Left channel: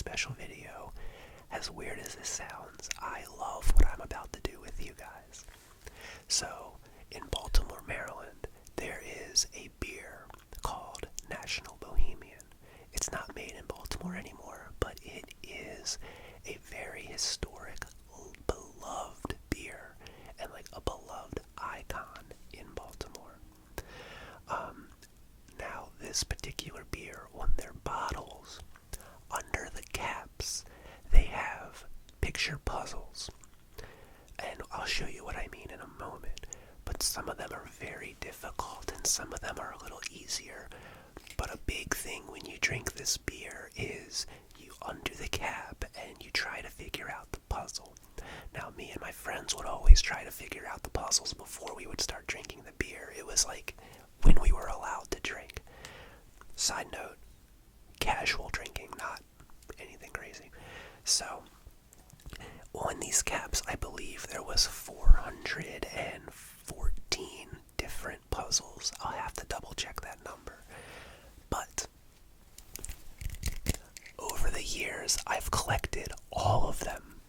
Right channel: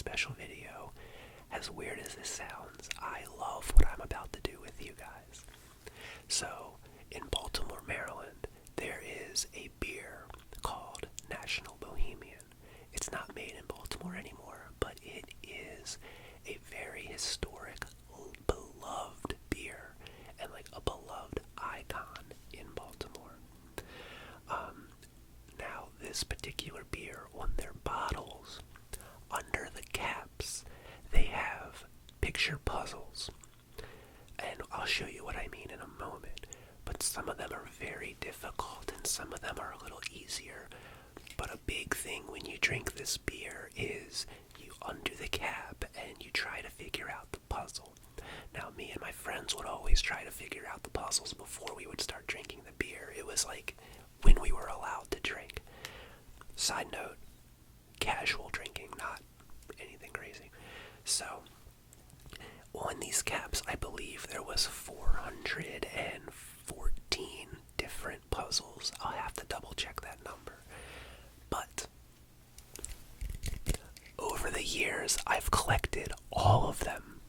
special video. As weird as this sounds, I love what I'm about to do with you guys. So, in Baltimore, Maryland, there is a beer called National Bohemian. It's not made in Baltimore anymore, but it is a very historic, beloved beer, and like a beloved icon in Baltimore. Now, this particular beer, on their bottles, under the caps, they have picture puzzles. And I'll show you what I mean in a moment. But some of them are very difficult and some of them are a little easier. But a big thing when you drink this beer is you undo the cap and you try to figure out the puzzle. Now, me and my friends would always try to figure out the puzzles before we would start drinking the beer. It was like when we were allowed to drink. Side note, casual drinking, not anything crazy. So, on these caps, I believe there was 414 different puzzles. I'll have to double check that number. But over the years, I've collected all of them.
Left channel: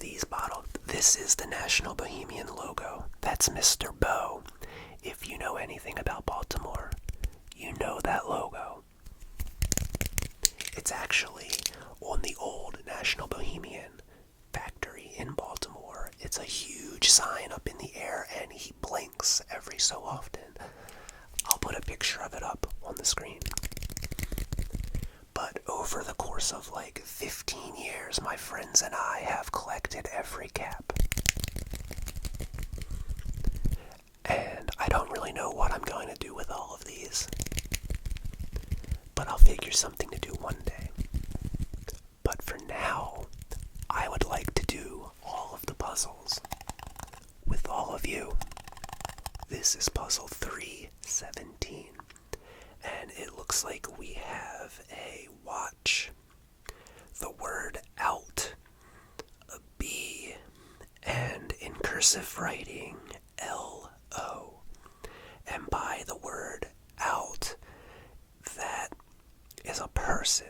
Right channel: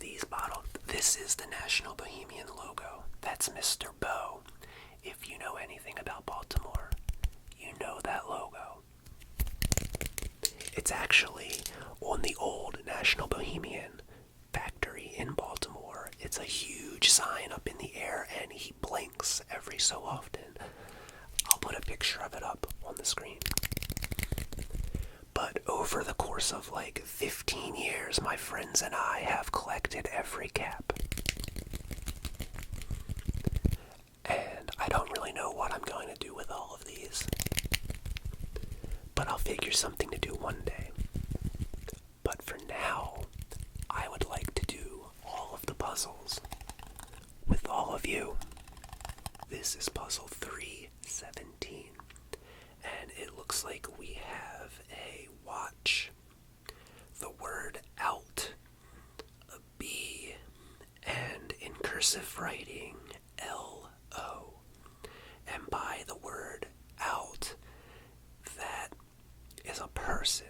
These bottles, this is the National Bohemian logo. That's Mr. Boh. If you know anything about Baltimore, you know that logo. It's actually on the old National Bohemian factory in Baltimore. It's a huge sign up in the air and he blinks every so often. I'll put a picture of it up on the screen. But over the course of like 15 years, my friends and I have collected every cap. And I don't really know what I'm going to do with all of these. But I'll figure something to do one day. But for now, I would like to do all of the puzzles with all of you. This is puzzle 317. And it looks like we have a watch, the word out, a B, and in cursive writing, L-O. And by the word out, that is a person.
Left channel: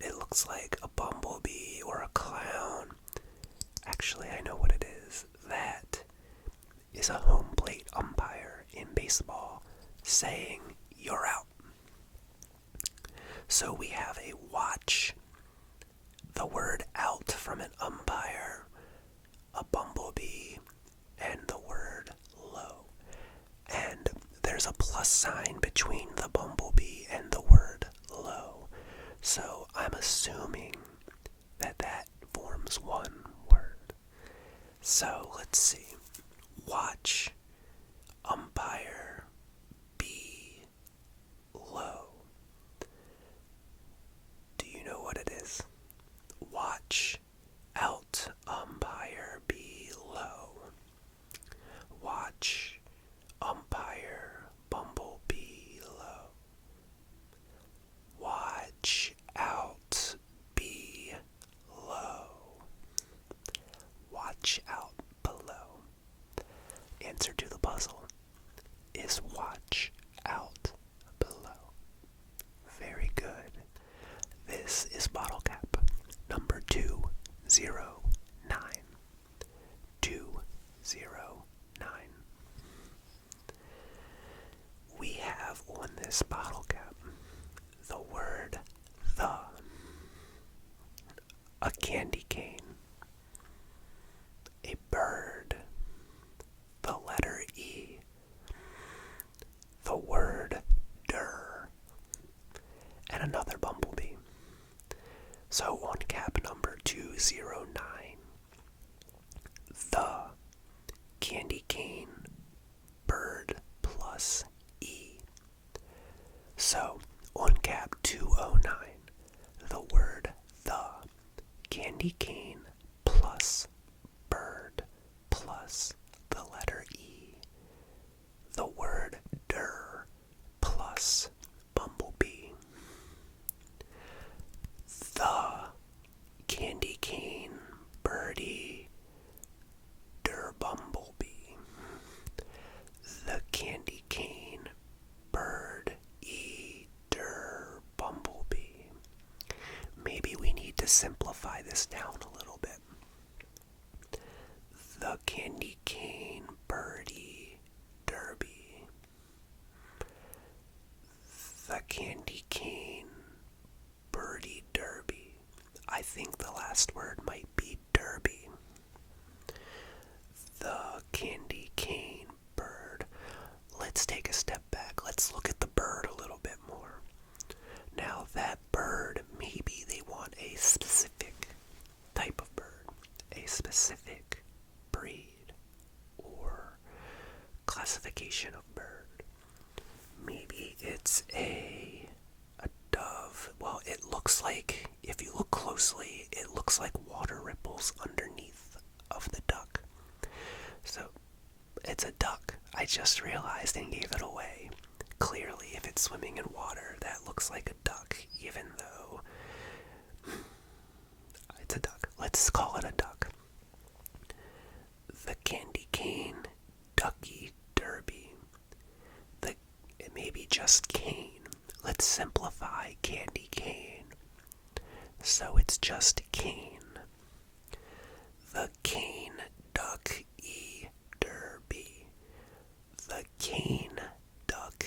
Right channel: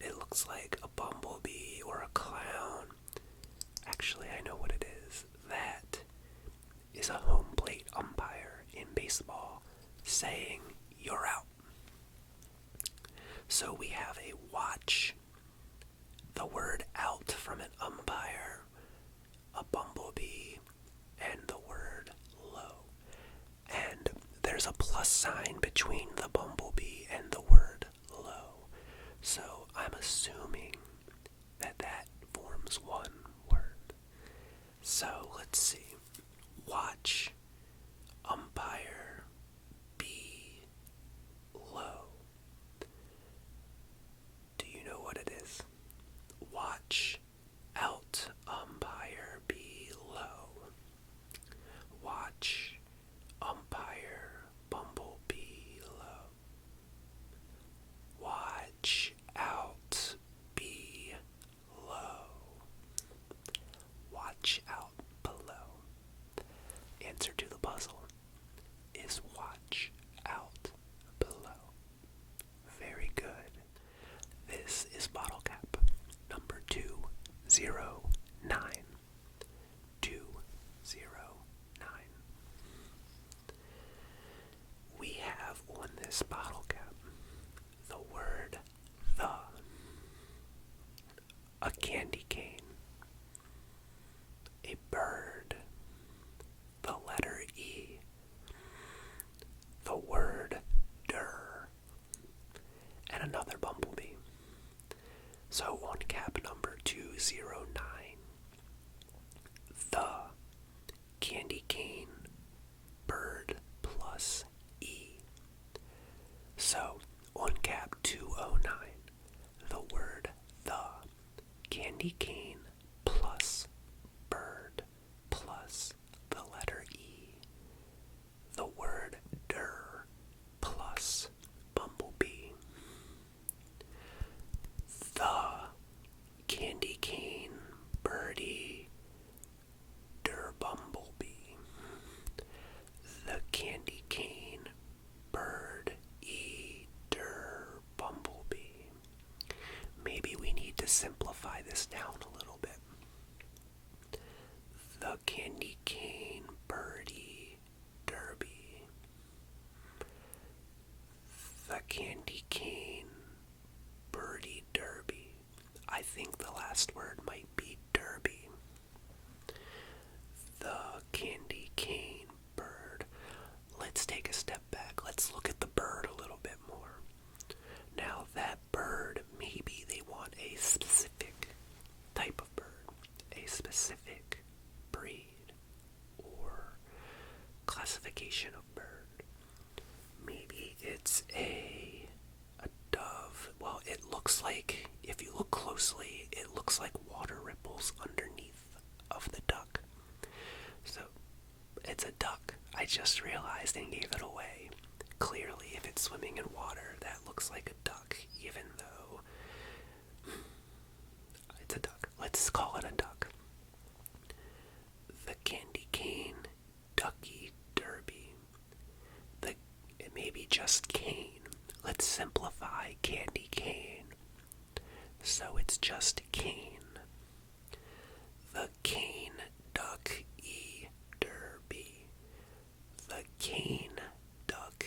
It looks like a bumblebee or a clown. Actually, I know what it is. That is a home plate umpire in baseball saying, "You're out." So we have a watch, the word out from an umpire, a bumblebee, and the word low. And there's a plus sign between the bumblebee and the word low. So I'm assuming that that forms one word. So let's see. Watch, umpire, bee, low. Do you know what it is? Watch, out, umpire, bee, low. Watch, umpire, bumblebee, low. Watch out, bee, low. Watch out, below. Answer to the puzzle is watch out, below. Very good. This is bottle cap number 209. 209. We have on this bottle cap the word the, a candy cane, a bird, the letter E, the word der, and another bumblebee. So on cap number 209, the, candy cane, bird plus E. So on cap 209, the word the, candy cane plus bird plus the letter E, the word der plus bumblebee. The, candy cane, birdie, der bumblebee. The candy cane, bird, e, der bumblebee. simplify this down a little bit. The candy cane birdie derby. The candy cane birdie derby. I think the last word might be derby. The candy cane bird. Let's take a step back. Let's look at the bird a little bit more. Now that bird, maybe they want a specific type of bird, a specific breed or classification of bird. Maybe it's a dove. Well, it looks like, if you look closely, it looks like water ripples underneath of the duck. So, it's a duck. I just realized and gave it away. Clearly, if it's swimming in water, that looks like a duck, even though it's a duck. Let's call it a duck. The candy cane ducky derby. It may be just cane. Let's simplify candy cane. So it's just cane. The cane duck derby. The cane duck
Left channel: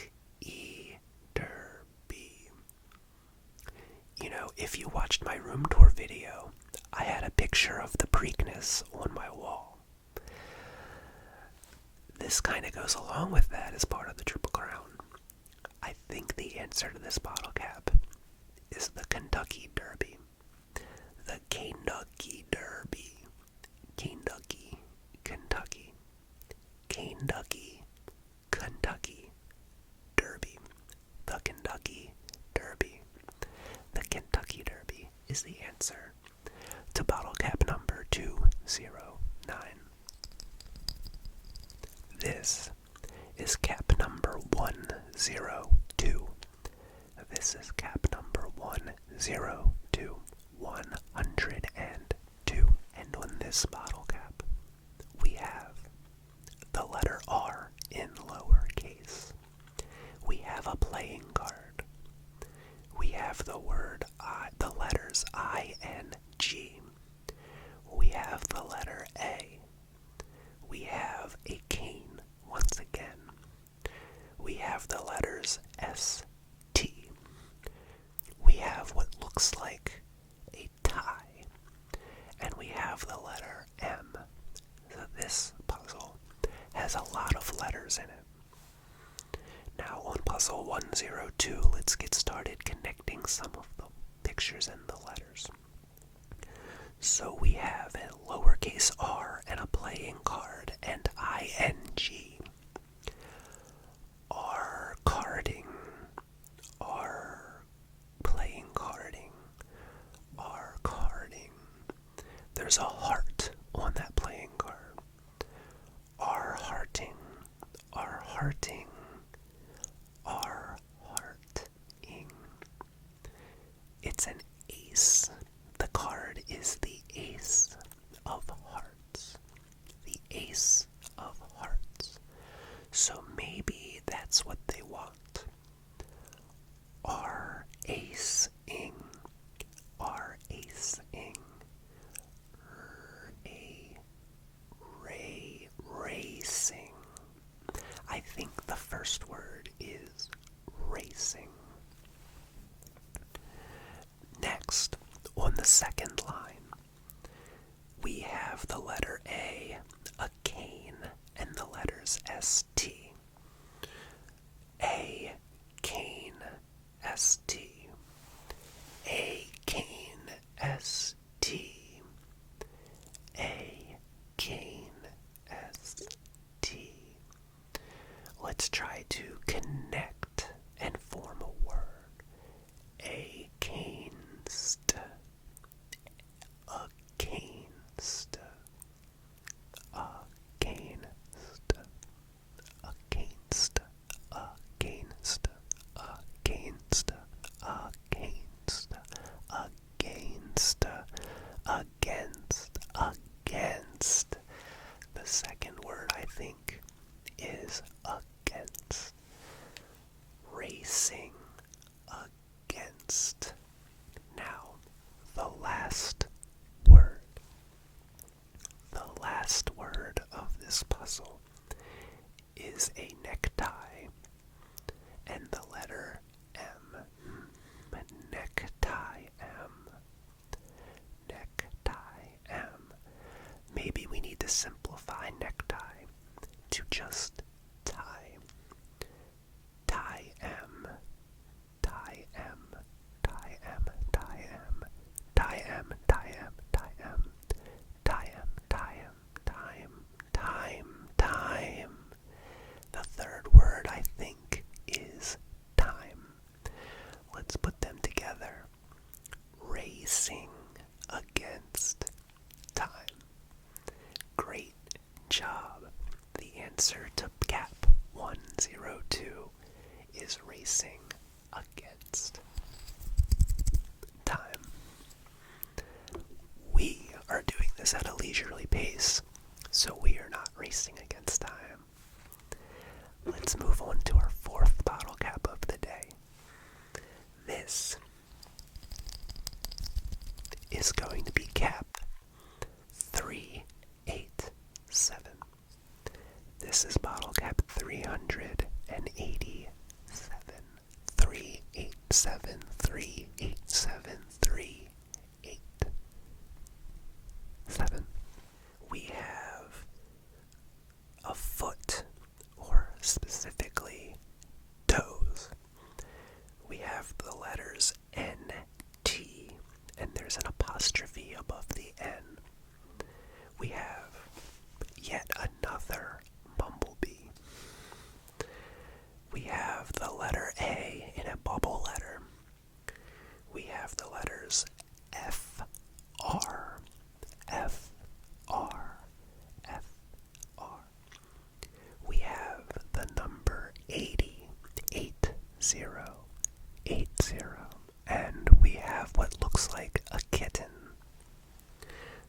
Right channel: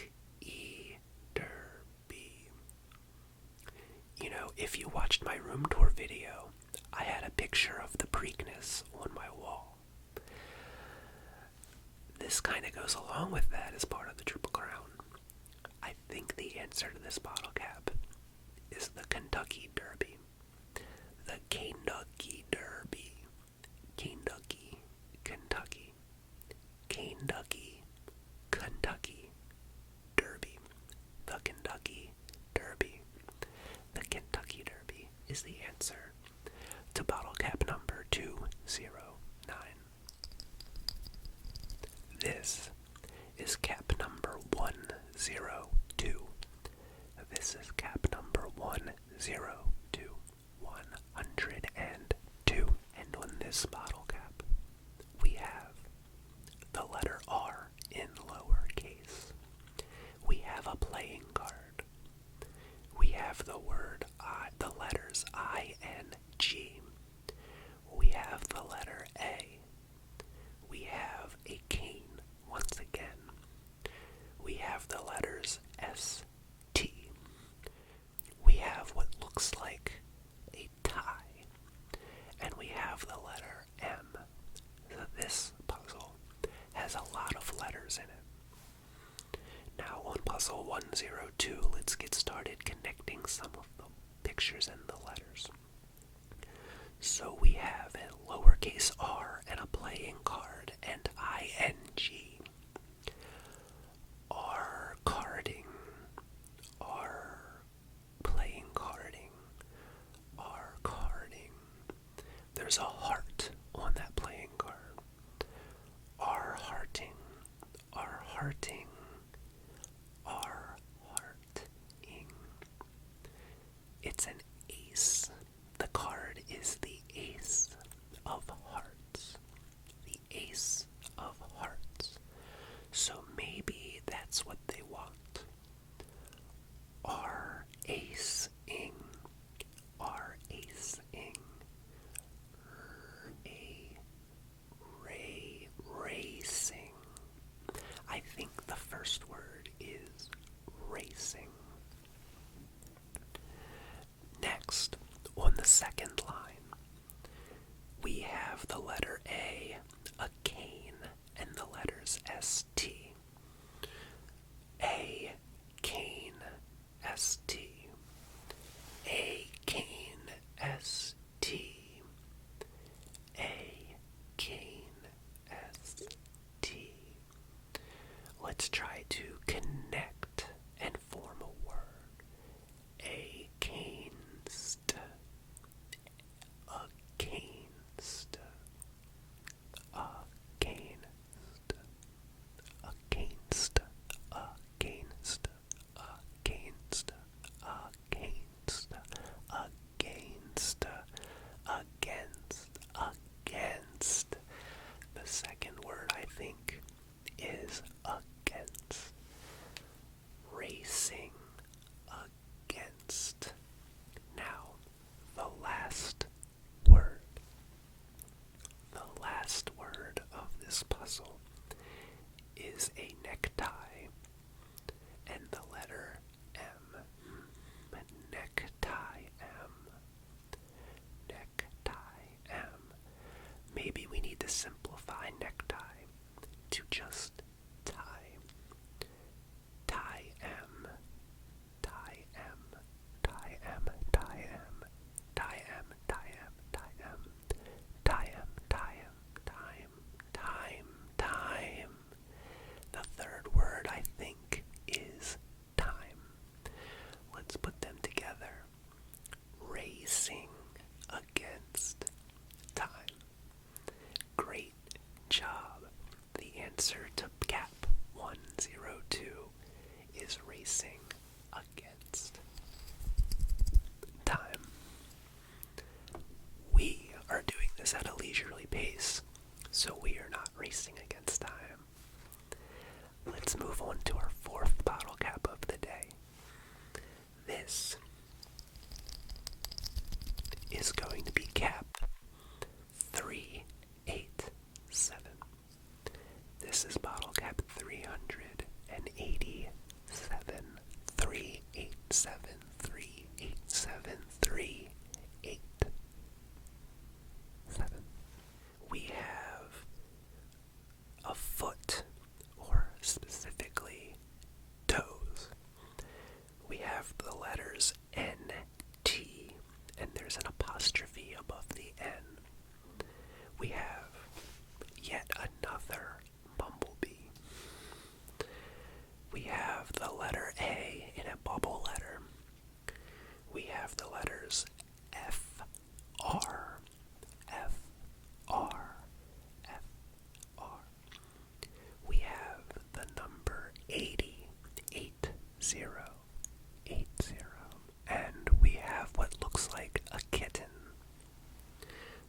derby. You know, if you watched my room tour video, I had a picture of the Preakness on my wall. This kind of goes along with that as part of the Triple Crown. I think the answer to this bottle cap is the Kentucky Derby. The Kentucky Derby. Kentucky, Kentucky. Kentucky, Kentucky Derby. The Kentucky Derby. The Kentucky Derby is the answer to bottle cap number 209. This is cap number 102. This is cap number 102. 102. And on this bottle cap, we have the letter R in lowercase. We have a playing card. We have the word I, the letters I-N-G. We have the letter A. We have a cane once again. We have the letters S-T. We have what looks like a tie. And we have the letter M. So this puzzle has a lot of letters in it. Now on puzzle 102, let's get started connecting some of the pictures and the letters. So we have a lowercase r and a playing card and ing. R carding. R playing carding. R carding. There's a heart on that playing card. R hearting. R hearting. R hearting. It's an ace. The card is the ace of hearts. The ace of hearts. So maybe that's what they want. R ace-ing. R ace-ing. Racing. I think the first word is racing. Next, on the second line, we have the letter A, a cane, and the letters S-T. A cane, S-T. A cane, S-T. A cane, S-T. Let's try to connect and form a word. A canest. A canest. is a necktie, and the letter M. Necktie M. Necktie M. Maybe we need to simplify necktie to just tie. Tie M. Tie M. Tie M. Tie M. Tie M. Tie M. Tie M. Tie M. Tie M. Time. The third word, I think, is time. Let's put them together. Racing against time. Great job. The answer to Cap 102 is racing against time. We are doing this at a leisurely pace, so we are not racing against time. Let's move on to our fourth bottle cap of the day. This is going to be cap 387. This is bottle cap 387. 387. 387. 387. We have a foot, or specifically toes. We have the letters N-T, and there's an apostrophe above the N. We have yet another bumblebee. We have the letter A in a bubble letter. We have the letters F-R, F-R, F-R. We have the number 80, 80, 80, and we have what looks like a kitten.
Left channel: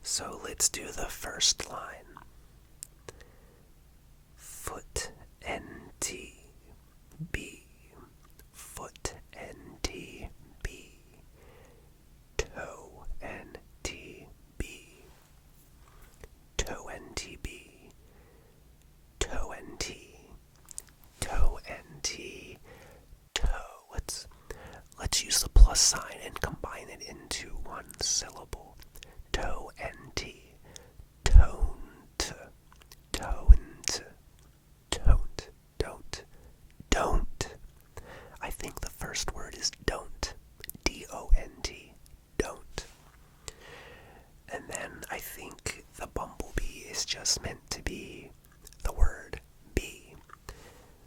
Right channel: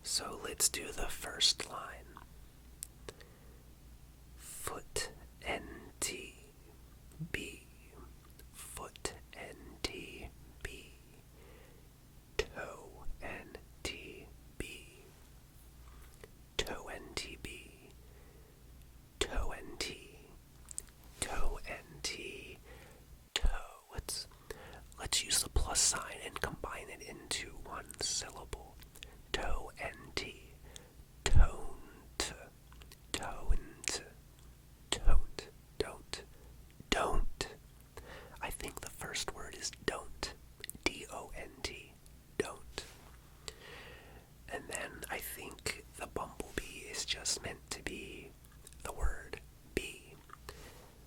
So let's do the first line. Foot N-T-B, foot N-T-B, toe N-T-B, toe N-T-B, toe N-T, toe N-T, toe. Let's use the plus sign and combine it into one syllable. Toe N-T, toned, toned, toned, don't. I think the first word is don't, D-O-N-T, don't. And then I think the bumblebee is just meant to be the word bee.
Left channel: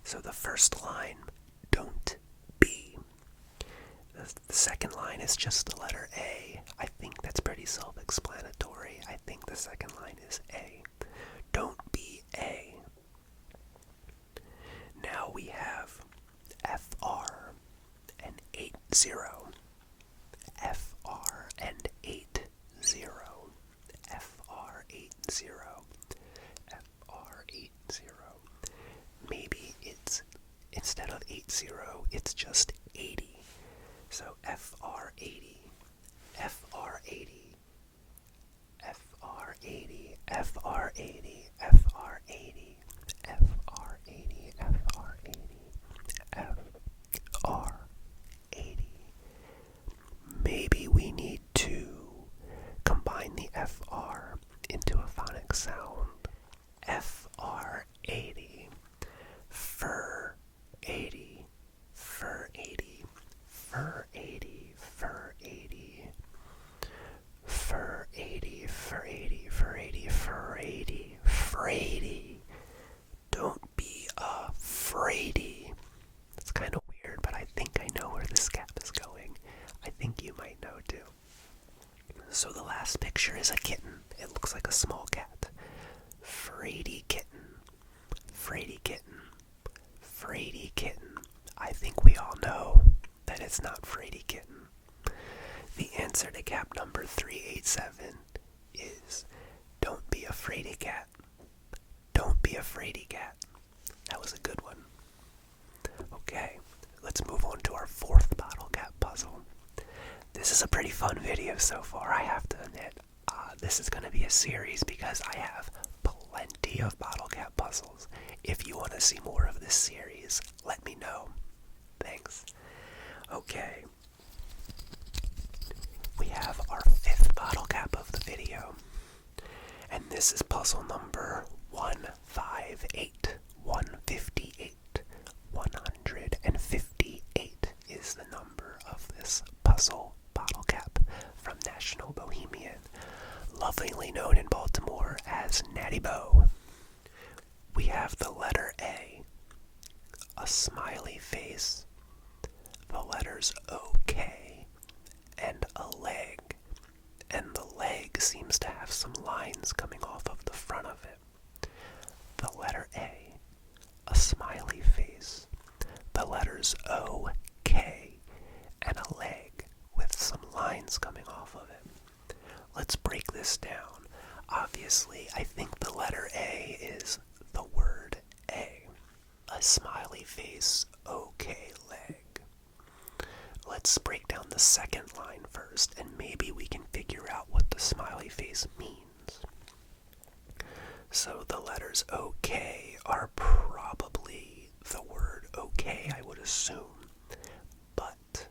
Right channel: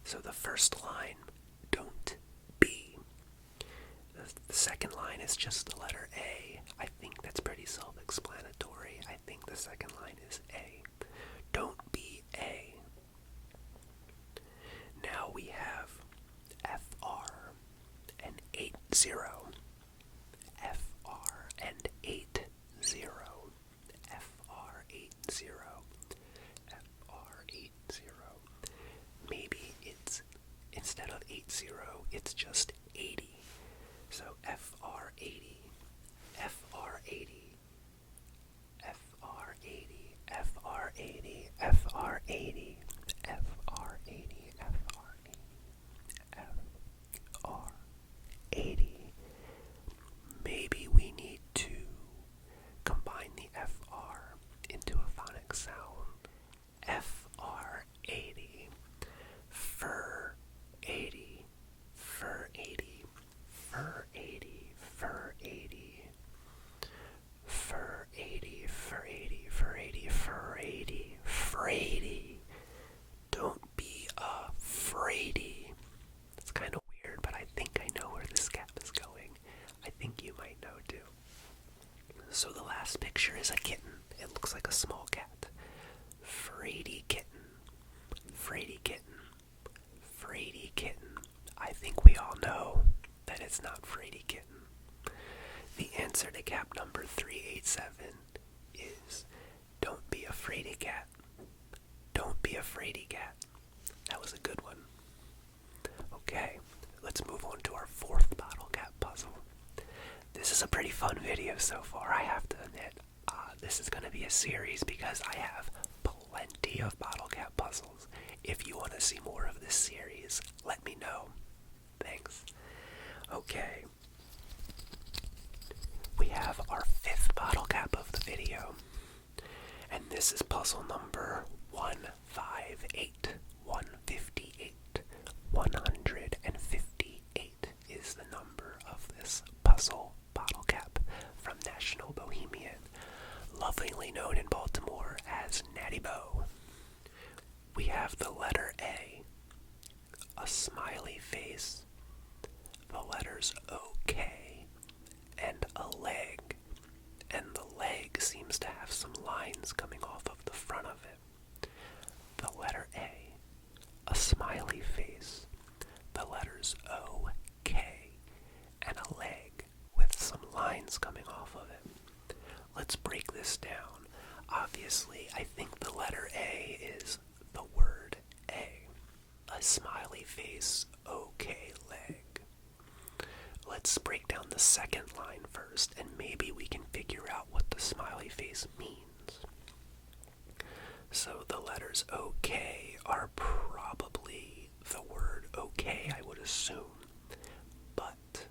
So the first line, don't be. The second line is just the letter A. I think that's pretty self-explanatory. I think the second line is A. Don't be A. Now we have F-R and 80. F-R and 80. F-R 80. F-R 80. Maybe it's, instead of 80, it's just 80. So FR 80, FR 80, FR 80, FR 80, FR 80, FR 80, FR 80, FR 80. Maybe we need to combine the FR into a phonic sound. FR 80, fur 80, fur 80, fur 80, fur 80, fur 80, fur 80, fur 80, fur 80, fur 80. Don't be afraidy. It's kind of weird, but I think I know where this cap is going. I think you might know too. So the last picture is a kitten. It looks like a small cat. Fraidy kitten. Fraidy kitten. Fraidy kitten. I think we all know that it's not Fraidy kitten. The answer to cap number 387 is don't be a fraidy cat. Don't be a fraidy cat. That was a good one. Okay, let's move on to our fourth bottle cap puzzle. This is a pretty fun video so far, I have to admit. This is going to be a series because I have plenty of bottle cap puzzles. If you want to see more of this series, let me know. Thanks. Okay. We have our 5th bottle cap of the video. And this is puzzle number 158. 158. 158 is the number of this puzzle bottle cap from National Bohemian, lovingly known in Baltimore as Natty Boh. We have the letter A, a smiley face, the letters OK, and a leg. And the leg seems to have some lines coming off of the front of it. The letter A, a smiley face, the letters O, K, and a leg with some lines coming off of it. Let's break this down. Obviously, I think the letter A is the word A. A smiley face, OK, leg. Let's break down the second line first, and maybe we can figure out what the smiley face means. So the letters OK are probably the word OK, I would assume. But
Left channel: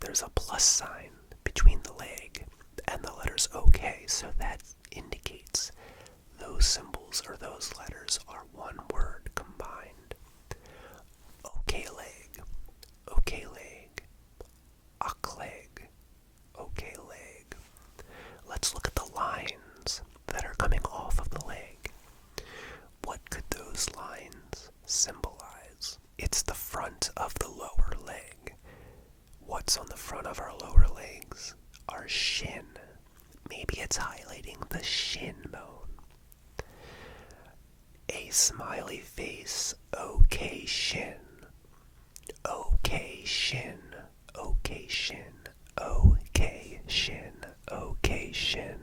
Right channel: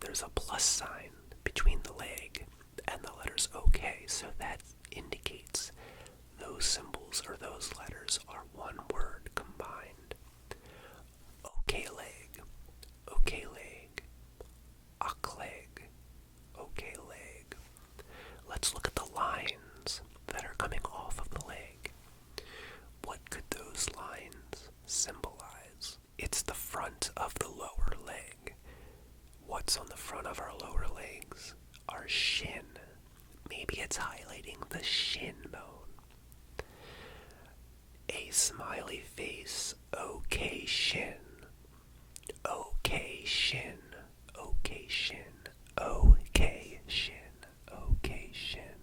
there's a plus sign between the leg and the letters OK, so that indicates those symbols or those letters are one word combined. OK leg, OK leg, ok leg, OK leg. Let's look at the lines that are coming off of the leg. What could those lines symbolize? It's the front of the lower leg. What's on the front of our lower legs? Our shin. Maybe it's highlighting the shin bone. A smiley face, OK shin. OK shin. OK shin. OK shin. OK shin.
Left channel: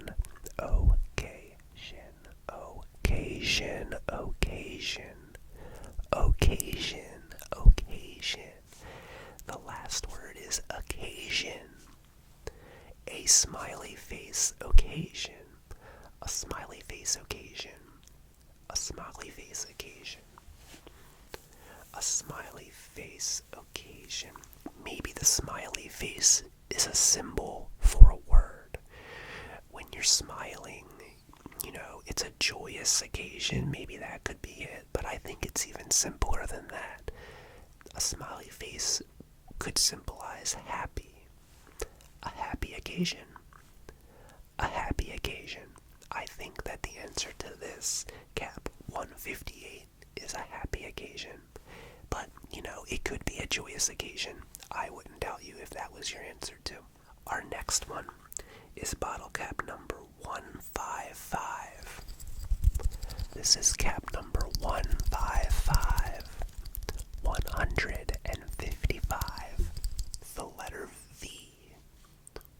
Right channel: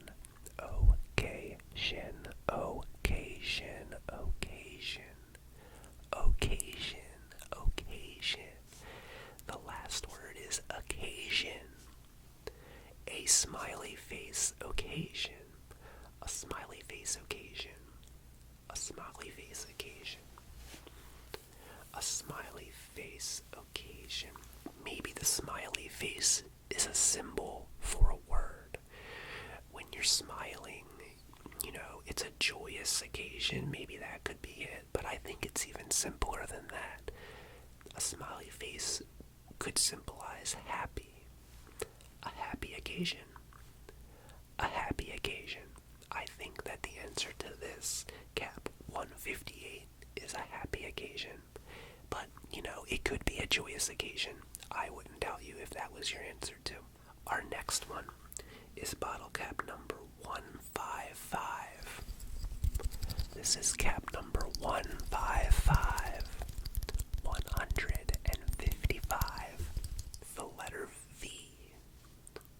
OK shin. Occasion. Occasion. Occasion. Occasion. The last word is occasion. A smiley face occasion. A smiley face occasion. A smiley face occasion. A smiley face occasion. Maybe the smiley face is a symbol for a word. When you're smiling, it's a joyous occasion. Maybe that could be it, but I think it's even simpler than that. A smiley face could symbolize happy. A happy occasion. A happy occasion. I think that the answer to this cap 158 is a happy occasion. But, it could be a joyous occasion. I wouldn't doubt you if that was your answer too. Our next one is bottle cap number 155. This is cap number 155. 155. The letter V.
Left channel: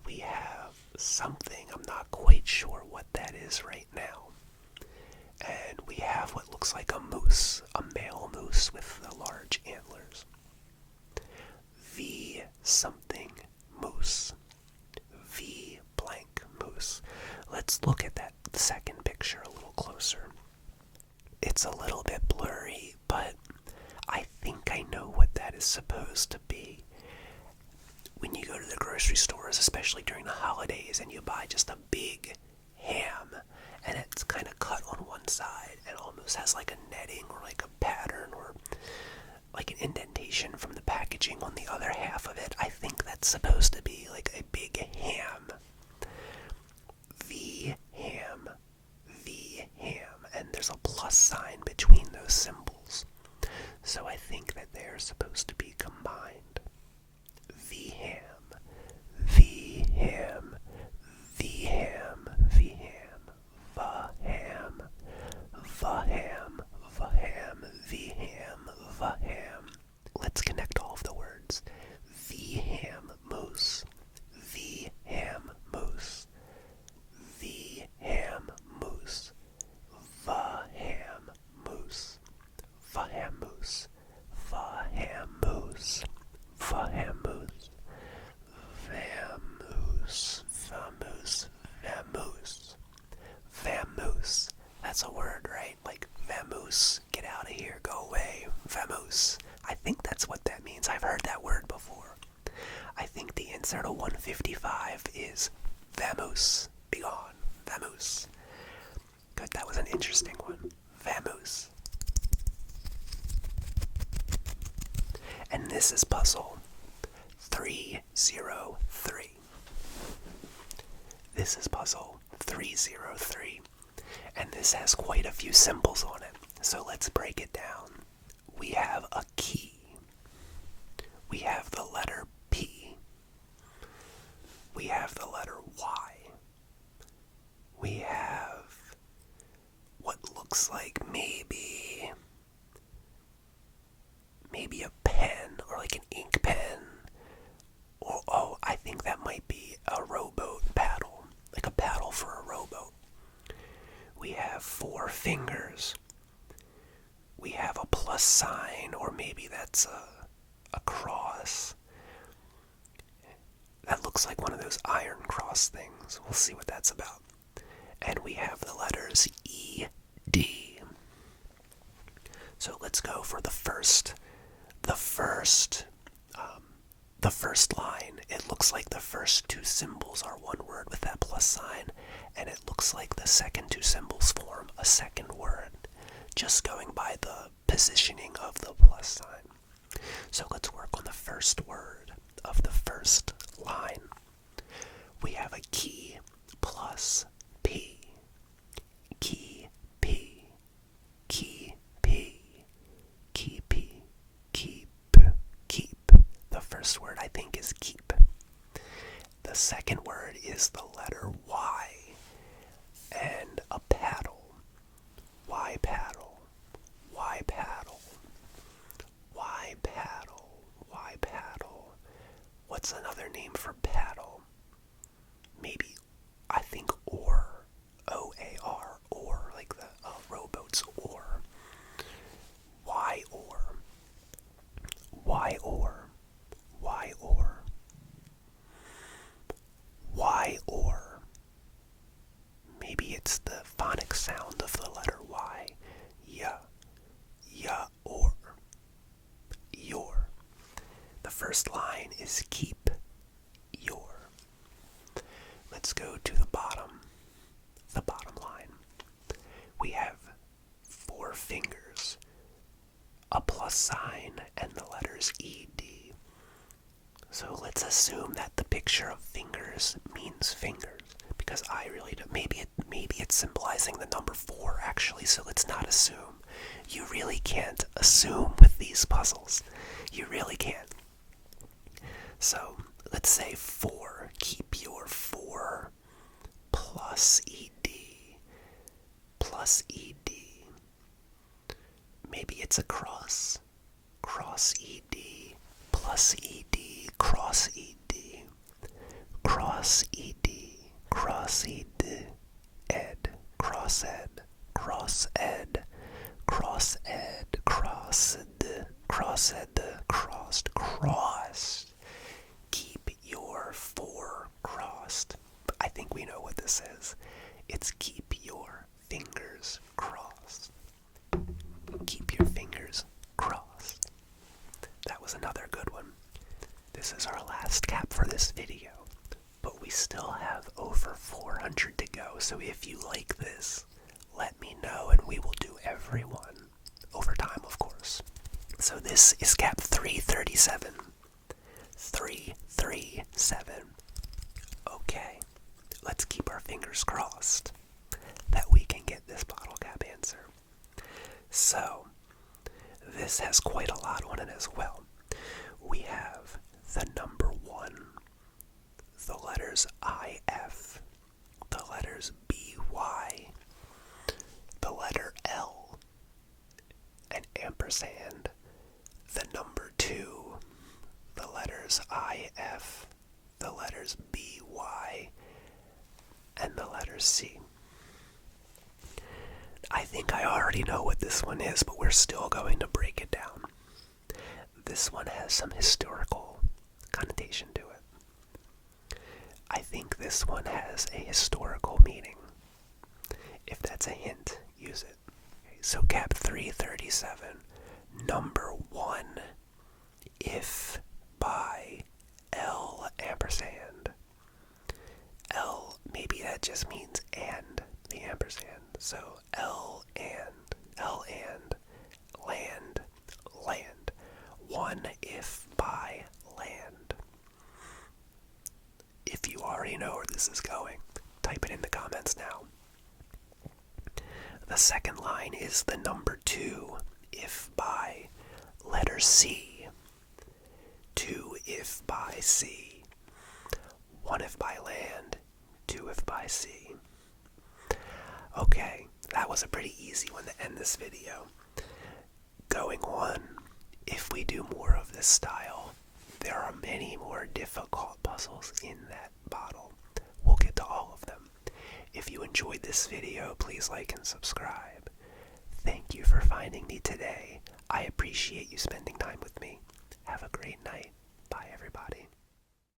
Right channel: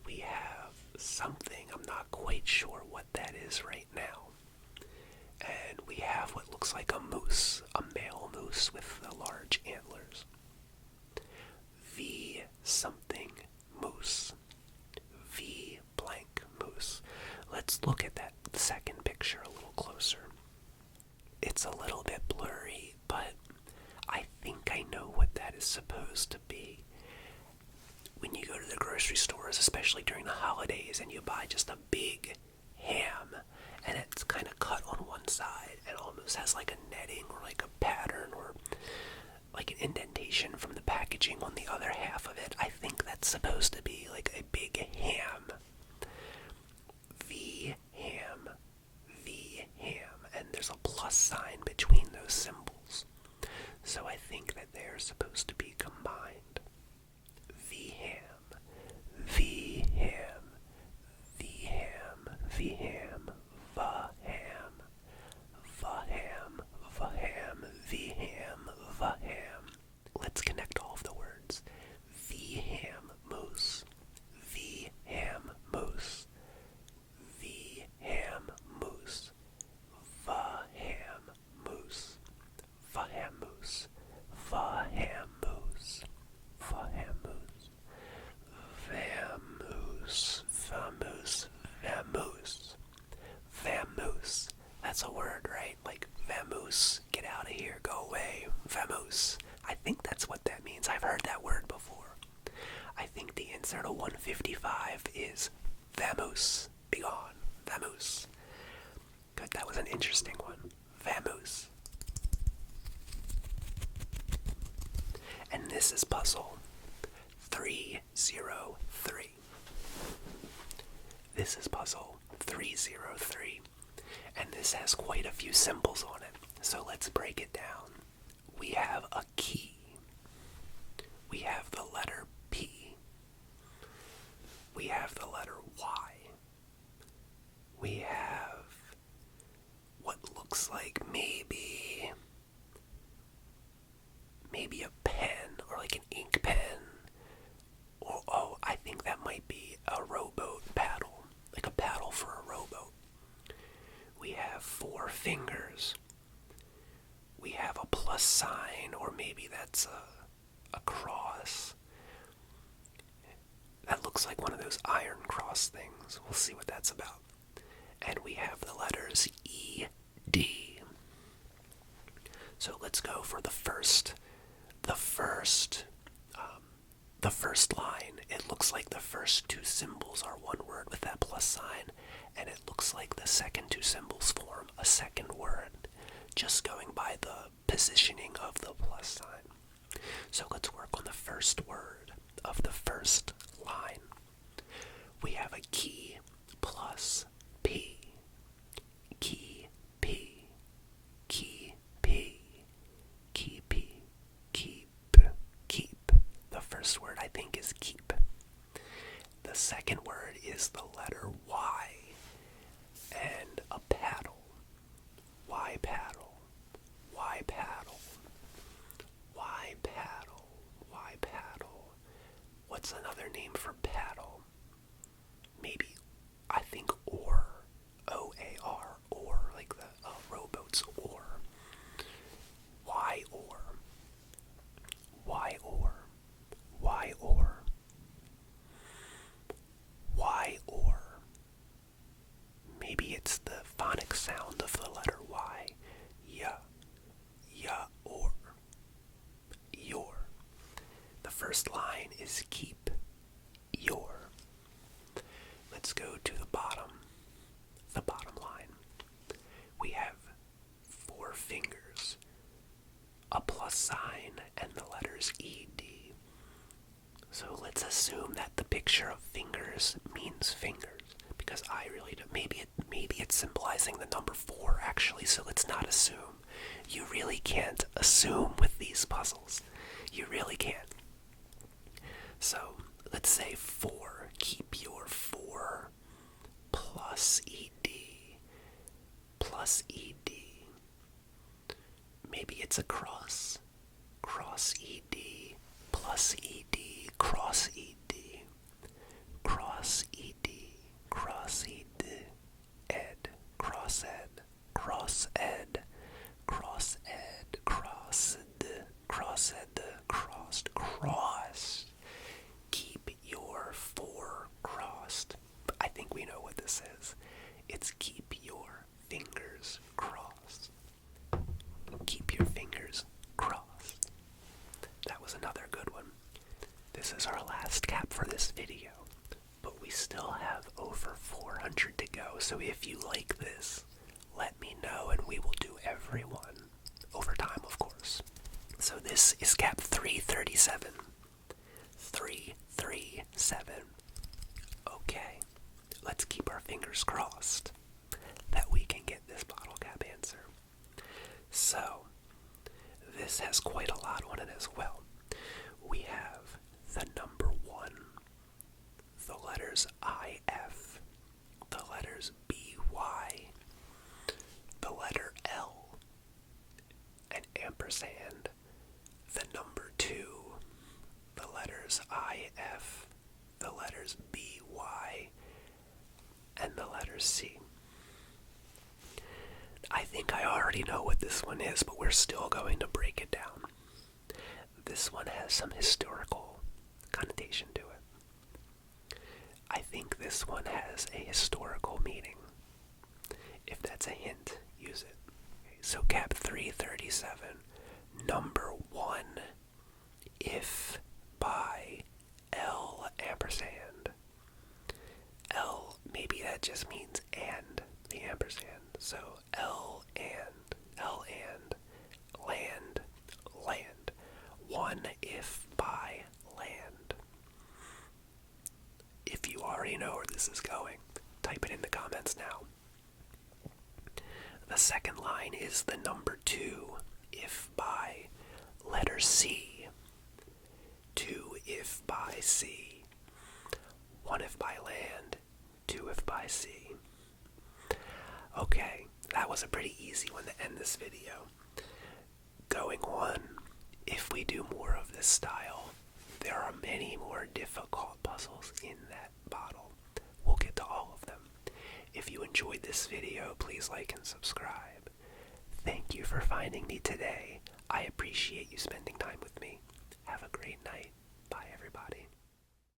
We have something, I'm not quite sure what that is right now. And we have what looks like a moose, a male moose with the large antlers. V something moose. V blank moose. Let's look at that second picture a little closer. It's a little bit blurry, but I think I know what that is supposed to be. When you go to the grocery stores, especially during the holidays, and you buy just a big ham, and it's kind of cut on one side and almost has like a netting or like a pattern or like an indentation from the packaging on the other half of it. I think that's supposed to be like a big ham. V ham. V ham. And there's a plus sign between those symbols. So I think that they're supposed to be combined. V ham. V ham. V ham. V ham. Va ham. Va ham. Va ham. V ham. Va ham. Let's connect all of the words. V ham moose. 55 is vamoose. Be gone. Vamoose. Good, that was an interesting one. Vamoose. And this is puzzle 303. This is puzzle 303. And this has quite a few symbols on it. So let's break it down. We have a key. We have the letter P. We have the letter Y. We have what looks like maybe a pen or like an ink pen. Or, oh, I think that might be a rowboat paddle, like a paddle for a rowboat. We have 4 fingers. We have a plus sign, or maybe that's a cross. That looks like one of those iron cross things. We'll see what that's about. And we have the letters E, D. So let's go for the first line. It looks like the first 2 symbols are one word with that plus sign, and it looks like the second 2 symbols form a second word, just going by the positioning of the plus sign. So let's work on the first word of the first line. We have a key plus P. Key, P. Key, P. Key, P. Keep, keep. The first word I think is keep. The second word is the letter Y. And a paddle. Y paddle. Y paddle. Y paddle. Y paddle. What's another name for paddle? Maybe, I think oar. O-A-R. Oar. Like the rowboat's oar. Y oar. Y oar. Y oar. Y oar. Maybe it's the phonic sound of the letter Y. Ya. Ya or. Your. The first line is keep. Your. Let's go to the bottom line. We have 4 fingers, a plus sign, and the letters E-D. So let's assume that the picture of fingers means fingers, because I really don't. Maybe it's symbolizing the number 4, actually, so let's not assume. You really can't assume with these puzzles. You really can't. So let's say 4. Keep your 4 plus ED. Plus ED. Maybe it's a cross. Cross ED. Plus ED. Cross ED. Cross ED. Cross ED. Ed. Cross ed. Cross ed. Cross ed. Cross ed. Cross ed. Crossed. Crossed. Keep your 4 crossed. I think we know what this is. It's keep your fingers crossed. Keep your fingers crossed. That was another good one. This is our last cap for this video, but we still have over 400 to go, so if you like this, let me know and we will do every one over time, of course. So this is cap 337. 337. Okay, let's keep our fingers crossed that we can get this bottle cap answer. So, this has quite a lot on it as well. We have the number 1, the letters IF, the letters BY, the letter L, an ampersand, the number 2, the letters IF, the letters BY, and the letter C. I think I already know what this one is, but we're still going to break it down. This one has some historical connotation to it. I think this one has a historical meaning. If that's a hint, use it. Okay, so cap 337, number 1, if by L ampersand. that just means and, the ampersand. So L and, land, land. One if by land. If you already know where this is going, type it in the comments now. The second line is the number 2 if by letter C. 2 if by sea. 1 if by land. 2 if by sea. Okay, that was a pretty easy one to end this video. Going on, if we do more of this style, there are many more difficult puzzles in that bottle. We'll get to all of them. If you enjoyed this video, please like and subscribe. Thank you for finding me today. I appreciate you spending time with me. Have a great night. Bye, everybody.